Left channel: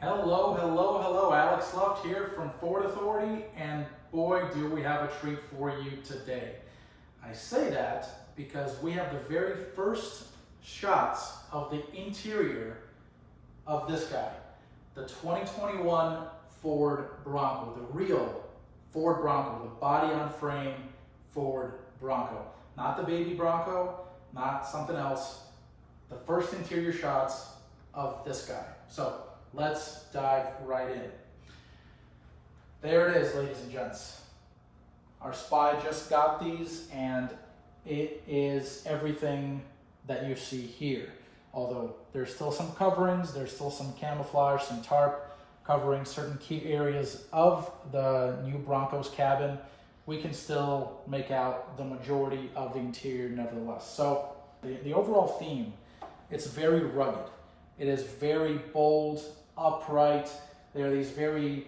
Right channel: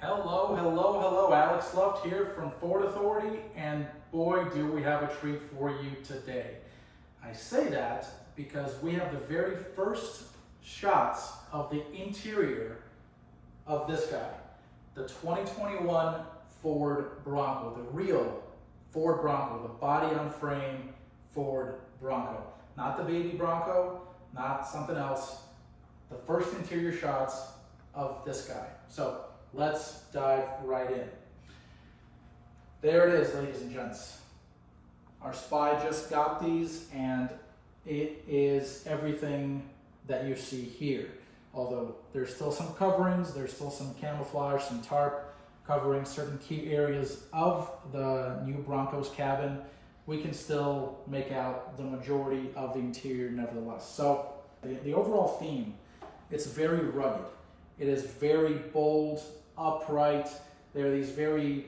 Hello, hello, hello. Alex Luft here from Ford Authority, and boy, do we have a treat for you today. I say that because we have the very first shots of the interior of this guy, the 2021 Ford Bronco, the real Ford Bronco, the body-on-frame Ford Bronco. Not the baby Bronco, not something else. The first interior shots of this guy. So let's dive right in. There it is, ladies and gents. Our Spied just got these, and it is everything that you see here. Although there's still some coverings, there's still some camouflage, some tarp covering certain key areas of the new Bronco's cabin, we can still make out the majority of the interior nevertheless. So the overall theme, it's very rugged. It is very bold, upright. There are these very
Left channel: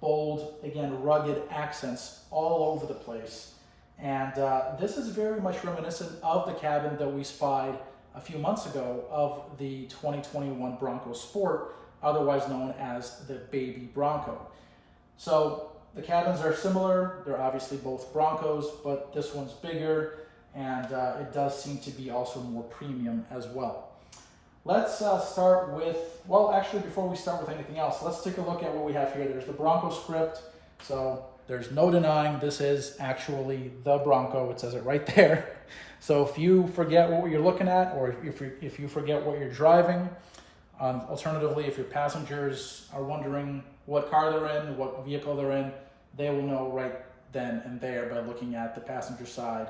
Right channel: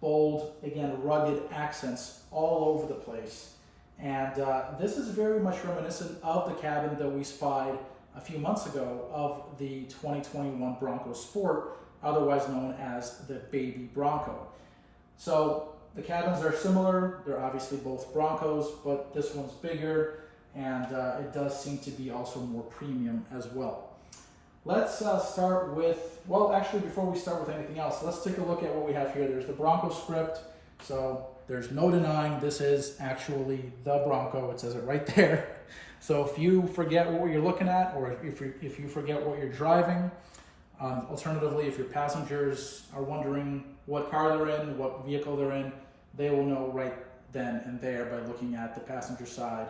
bold, again, rugged accents all over the place. And this is very much reminiscent of the cabin that we spied a few months ago of the 2021 Bronco Sport, otherwise known as the Baby Bronco. So the cabins are similar. They're obviously both Broncos, but this one's bigger, and it does seem to be also more premium as well. Let's start with, well, actually, before we start with anything else, let's take a look at what we have here. There's the Bronco script, so there's no denying this is actually the Bronco. It says it right there. So if you forget what you're looking at, or if you forget what you're driving, alternatively, if your passengers are wondering what car they're in, what vehicle they're in, they will know right then and there by looking at the passenger side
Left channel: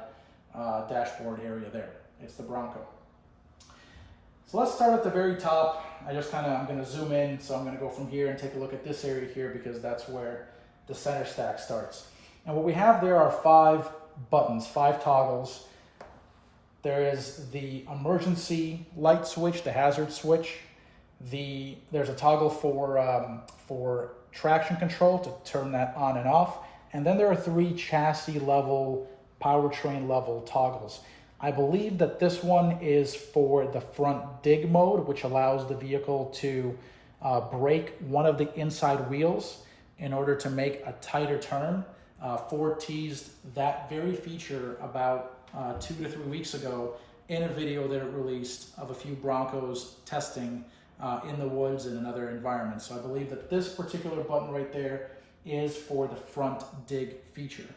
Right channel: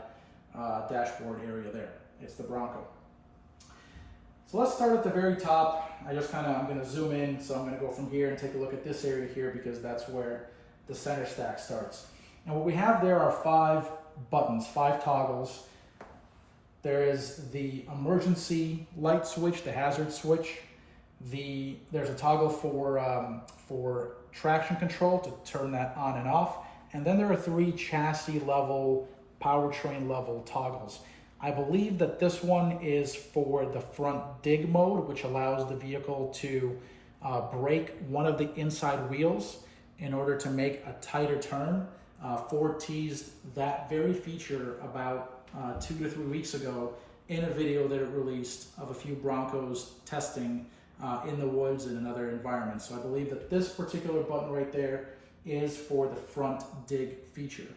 dashboard area there. It's the Bronco. So let's start at the very top. I'm going to zoom in, so I'm going to go from here and take a look at this area here because that's where the center stack starts. And what we have there are 5 buttons, 5 toggles. There is the emergency light switch, the hazard switch. There's a toggle for traction control to turn that on and off. And then there are 3 chassis level, powertrain level toggles. I believe that this one is for the front dig mode, which allows the vehicle to brake one of the inside wheels in order to make a tighter turn. Ford teased that very feature about 2 to 3 weeks ago in a video that it released of a few Broncos testing in the woods and in other environments. So I believe that this particular button right there is for the front dig feature.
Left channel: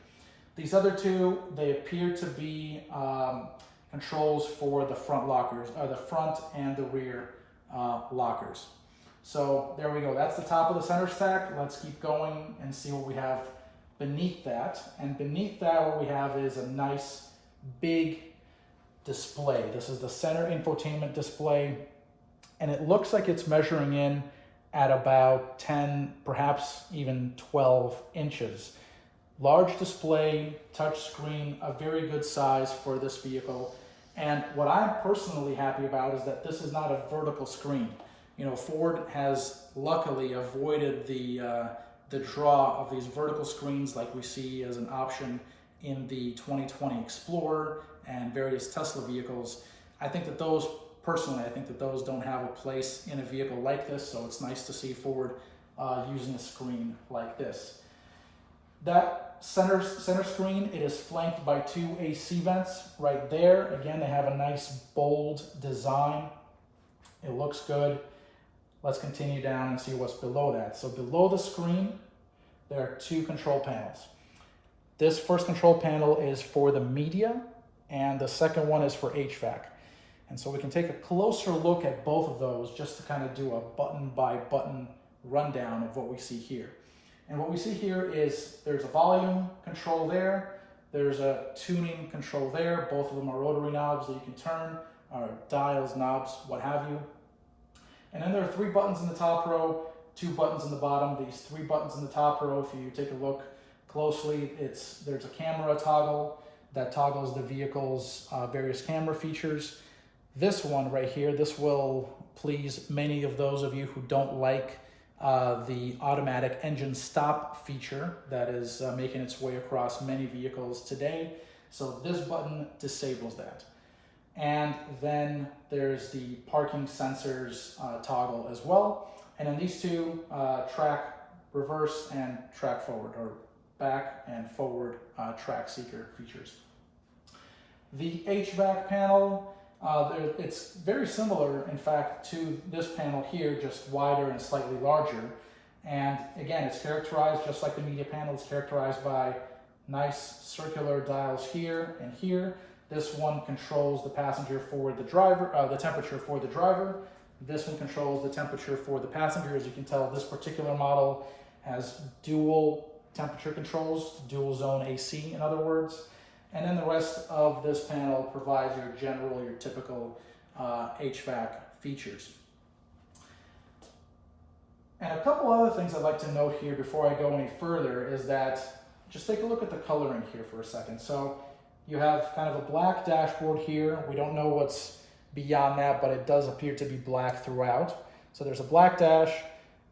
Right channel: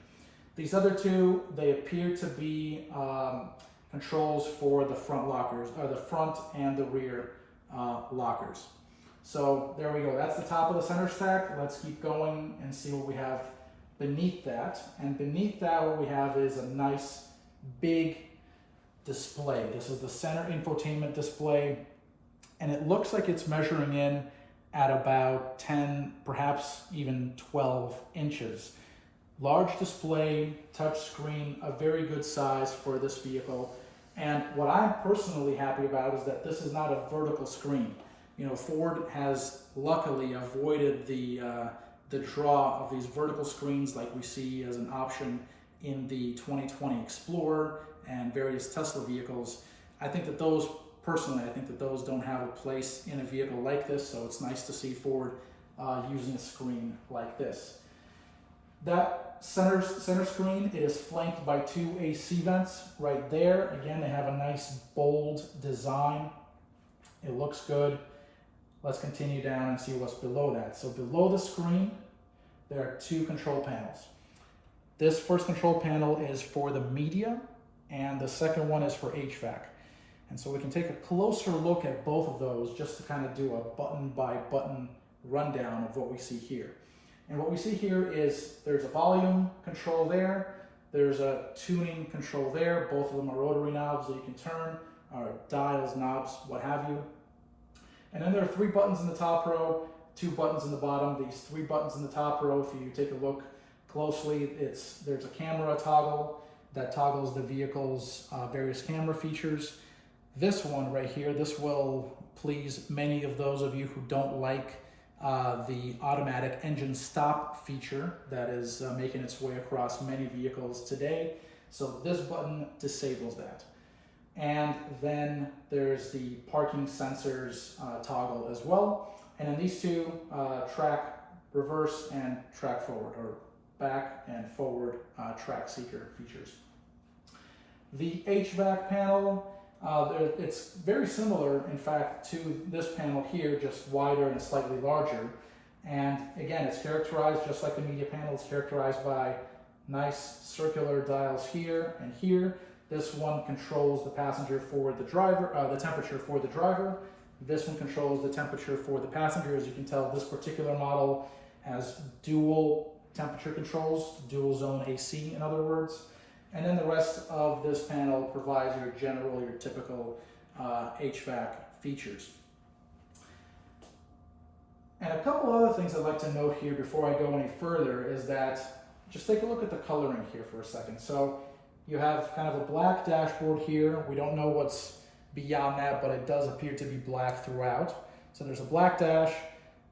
These other 2, they appear to be controls for the front lockers, or the front and the rear lockers. So there we go. That's the top of the center stack. Let's keep going and see what we have beneath that. And beneath that, what we have is a nice big display. This is the center infotainment display, and it looks like it's measuring in at about 10, perhaps even 12 inches. Large display, touch screen, a very good size for this vehicle. And what I'm personally happy about is that this is not a vertical screen. You know, Ford has luckily avoided the draw of these vertical screens like we see as an option in the 2020 Explorer and various Tesla vehicles. I think that those don't have a place in a vehicle like this, so it's nice to see Ford using a screen like this. That center screen, it is flanked by 2 AC vents right there. Again, they have a nice bold design. It looks good. Let's continue down and see what's below that. So below the screen, there are 2 control panels. This first control panel is for the media, and the second one is for HVAC. And so we can take a closer look at both of those just to kind of do a button by button rundown of what we see here. And what we see here is there's a volume control there, there's a tuning control there. Both of them are rotary knobs that you can turn, or dials, knobs, what have you. And then there are 3 buttons in the top row, 2 buttons in the bottom. These 3 buttons in the top row, if you take a look closely, there's a camera toggle that toggles the vehicle's various camera features. This one right here, this will please many of those of you who don't like the automatic engine stop feature that is making its way across many vehicles today. So this button disables that. And then there's the parking sensors toggle as well. And then these two track reverse and track forward, or back and forward track seeker features. The HVAC panel, it's very similar, in fact, to this panel here, just wider and slightly larger. And again, it's characterized just like the media panel. It's characterized by nice circular dials here and here. This one controls the passenger for the driver, the temperature for the driver. This one controls the temperature for the passenger. As you can tell, this particular model has dual temperature controls, dual zone AC in other words. And then the rest of this panel provides your general, your typical HVAC features. And a couple other things I'd like to note here before I go any further is that, just take a look at the coloring here for a second. So you have kind of a black dashboard here. We don't know what's beyond that, but it does appear to be black throughout. So there's a black dash,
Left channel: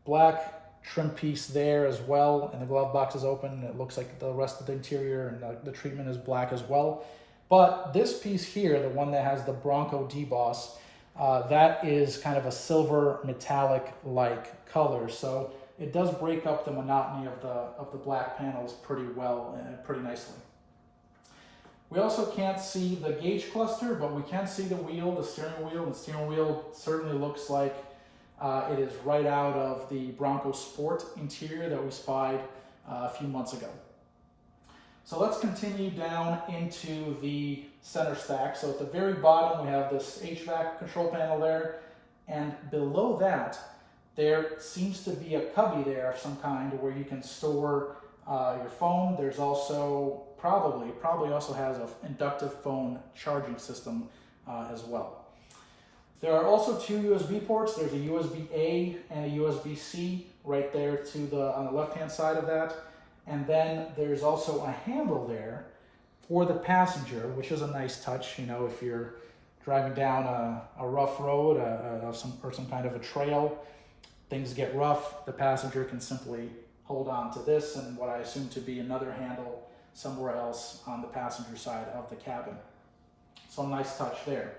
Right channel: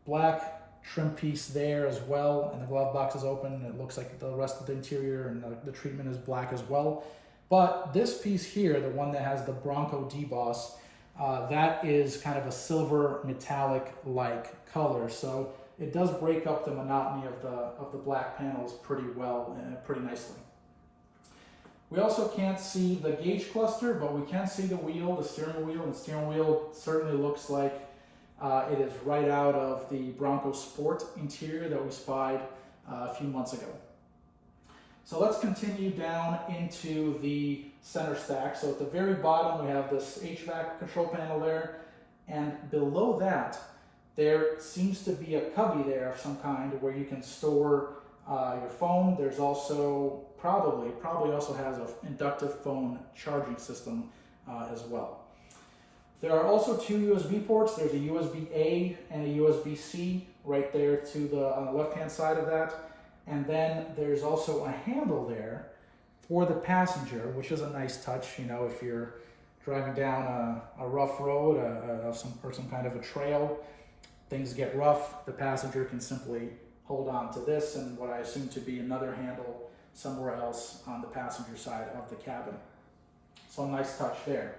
black trim piece there as well, and the glove box is open. It looks like the rest of the interior and the treatment is black as well. But this piece here, the one that has the Bronco deboss, that is kind of a silver metallic-like color. So it does break up the monotony of the black panels pretty well and pretty nicely. We also can't see the gauge cluster, but we can see the wheel, the steering wheel. The steering wheel certainly looks like it is right out of the Bronco Sport interior that we spied a few months ago. So let's continue down into the center stack. So at the very bottom, we have this HVAC control panel there, and below that, there seems to be a cubby there of some kind where you can store your phone. There's also probably also has an inductive phone charging system as well. There are also two USB ports. There's a USB-A and a USB-C right there on the left-hand side of that. And then there's also a handle there for the passenger, which is a nice touch. You know, if you're driving down a rough road or some kind of a trail, things get rough, the passenger can simply hold on to this and what I assume to be another handle somewhere else on the passenger side of the cabin. So nice touch there.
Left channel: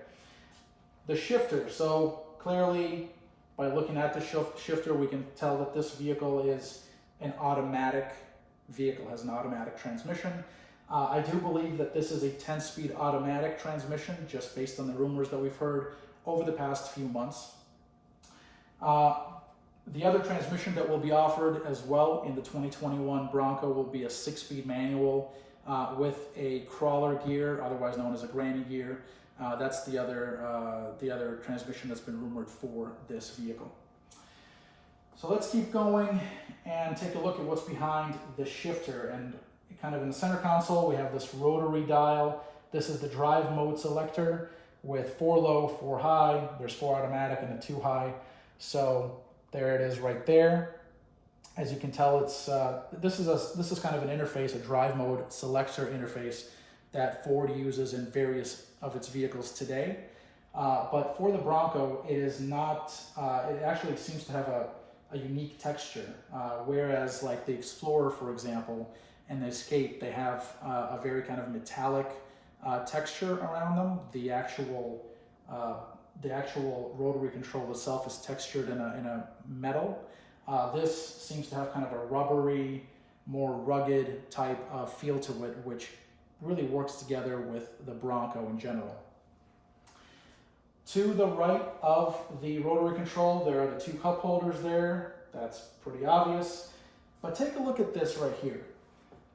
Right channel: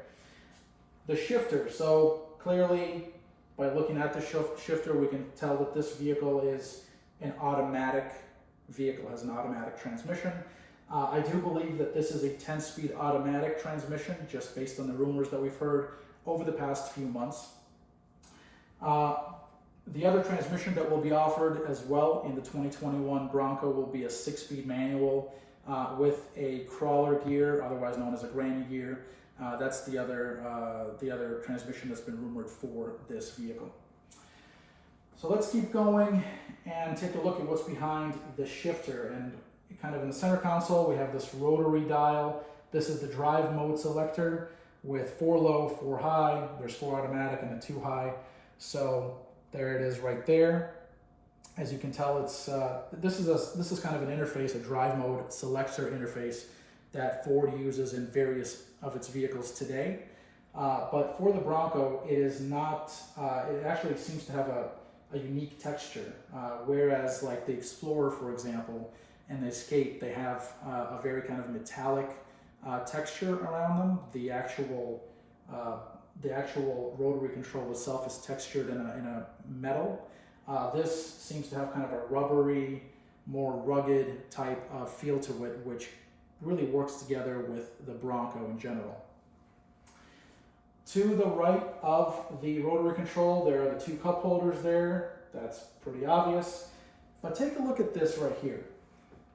The shifter, so clearly by looking at the shifter, we can tell that this vehicle is an automatic vehicle, has an automatic transmission. I do believe that this is a 10-speed automatic transmission, just based on the rumors that we've heard over the past few months. The other transmission that will be offered as well in the 2021 Bronco will be a 6-speed manual with a crawler gear, otherwise known as a granny gear. That's the other transmission that's been rumored for this vehicle. So let's keep going and take a look at what's behind the shifter. And kind of in the center console, we have this rotary dial. This is the drive mode selector with 4 low, 4 high. There's 4 automatic and a 2 high. So there it is right there. As you can tell, it's this is kind of an interface, a drive mode selector interface that Ford uses in various of its vehicles today. But for the Bronco, it is not, it actually seems to have a unique texture. Whereas like the Explorer, for example, and the Escape, they have a very kind of metallic texture around them. The actual rotary control itself is textured in a metal. This seems to have kind of a rubbery, more rugged type of feel to it, which really works together with the Bronco in general. To the right of the rotary control, there are the 2 cup holders there. That's pretty obvious. But take a look at this right here.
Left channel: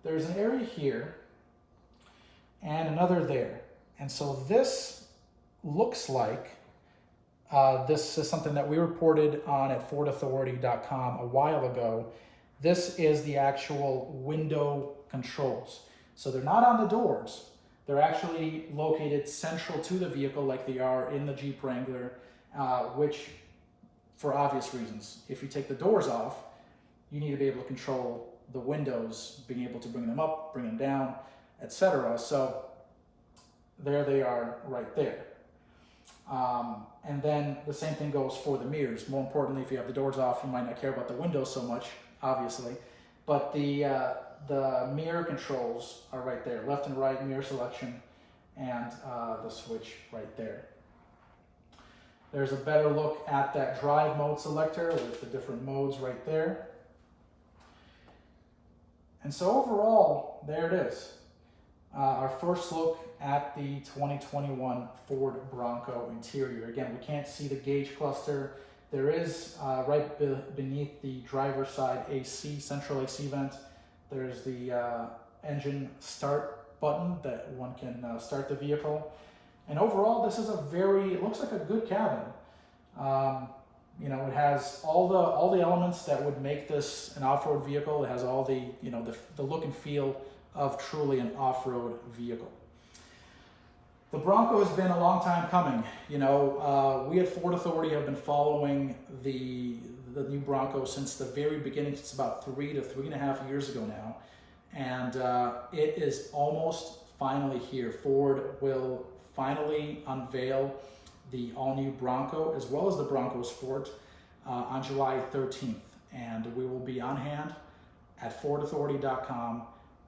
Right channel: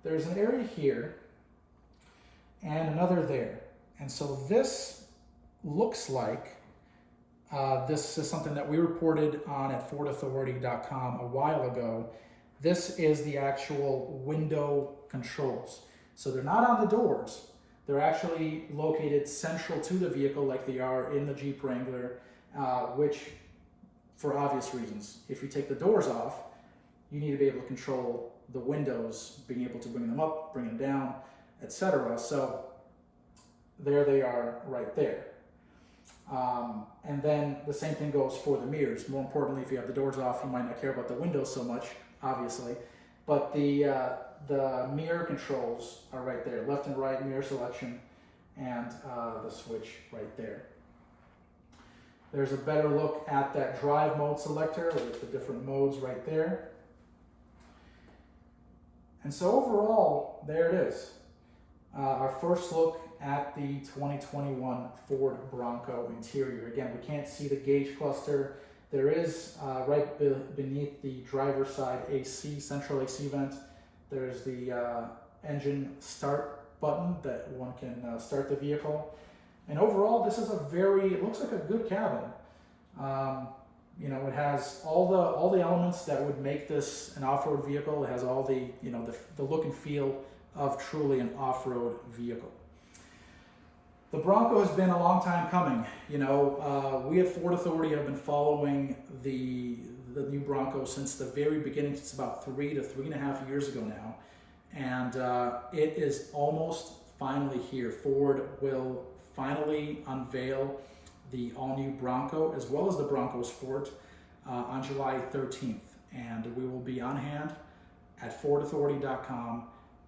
There's an area here and another there. And so this looks like this is something that we reported on at FordAuthority.com a while ago. This is the actual window controls. So they're not on the doors. They're actually located central to the vehicle like they are in the Jeep Wrangler, which, for obvious reasons, if you take the doors off, you need to be able to control the windows, being able to bring them up, bring them down, etc. So there they are right there. And then the same thing goes for the mirrors. More importantly, if you have the doors off, you might not care about the windows so much, obviously. But the mirror controls are right there, left and right mirror selection, and the switch right there. There's a better look at that drive mode selector with the different modes right there. And so overall, there it is. Our first look at the 2021 Ford Bronco interior. Again, we can't see the gauge cluster. There is right beneath the driver's side AC, central AC vent. There's the engine start button that one can start the vehicle. And overall, this is it looks like a good cabin. You know, it has all the elements that would make this an off-road vehicle. It has all the, you know, the look and feel of truly an off-road vehicle. The Bronco has been a long time coming. You know, we at Ford Authority have been following the new Bronco since the very beginning. It's about 3 to 3.5 years ago now. And it is almost finally here. Ford will finally unveil the all-new Bronco as well as the Bronco Sport on July 13th. And we will be on hand at FordAuthority.com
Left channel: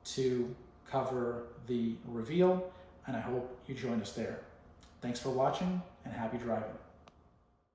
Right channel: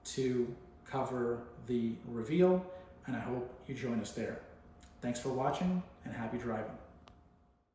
to cover the reveal, and I hope you join us there. Thanks for watching, and happy driving.